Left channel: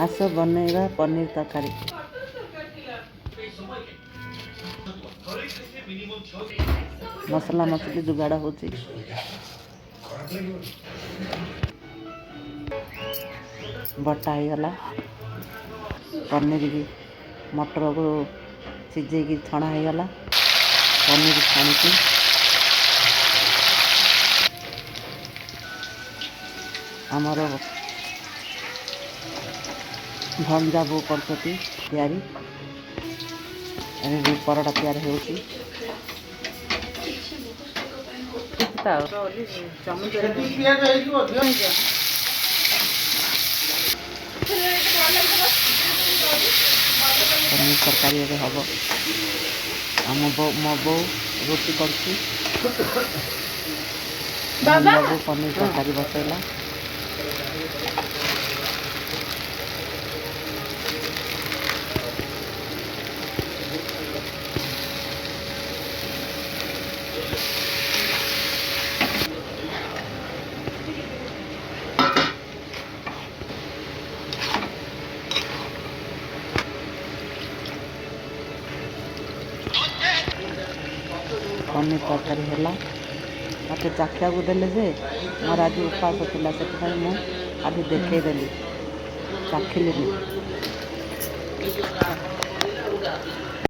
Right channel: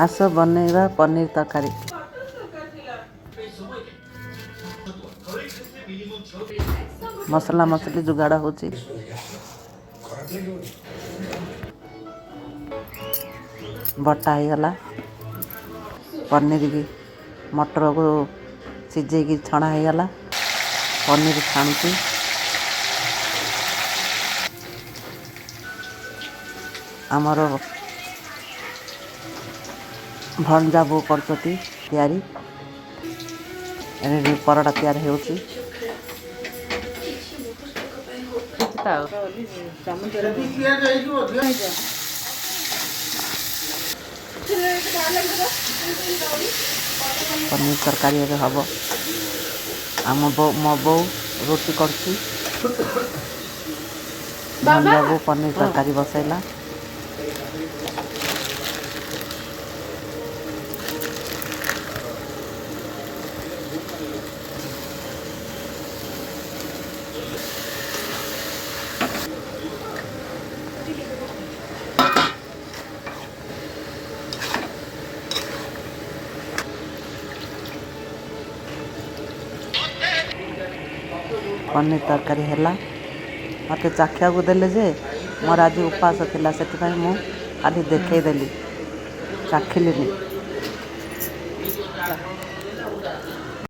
आस बनैबा पनीर तरकारी। मसला मसली जुगाड़ होची। बटा हो गला पनीर की मटर को सिझे की छणा हो गला पनीर छाणुची। आमर भंजा बो करछती तैयारी एने परटा तैयारी होची। पनीर तरकारी एबे हबो। मो बो रोटी करछी। भंजा बो पनीर तरकारी बसैला। पनीर तरकारी हैला मत चाखिया को देले जे मोर आज उपास थिला से मु खाली देखई देली चाखिली।